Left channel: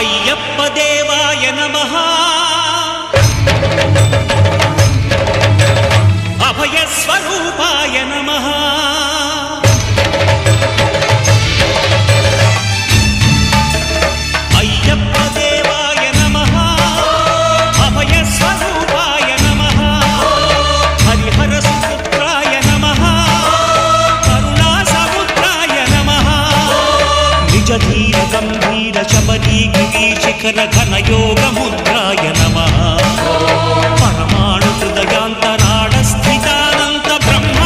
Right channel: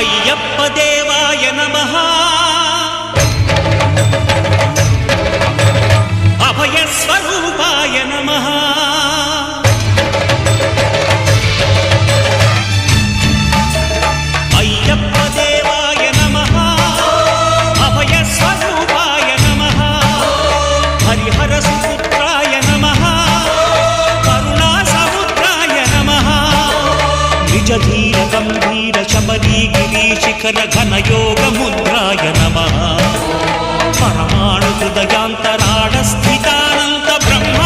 అయ్యప్ప దేవాయ నమః అభయ స్వరూపాయ నమః అయ్యప్ప దేవాయ నమః అభయ స్వరూపాయ నమః హరిహర సుపుత్రాయ నమః కరుణా సముద్రాయ నమః నిజ ధీర గంభీర శబరీ గిరి శిఖర ఘన యోగ ముద్రాయ నమః పరమాణు హృదయాంతరాళ స్థితానంత బ్రహ్మ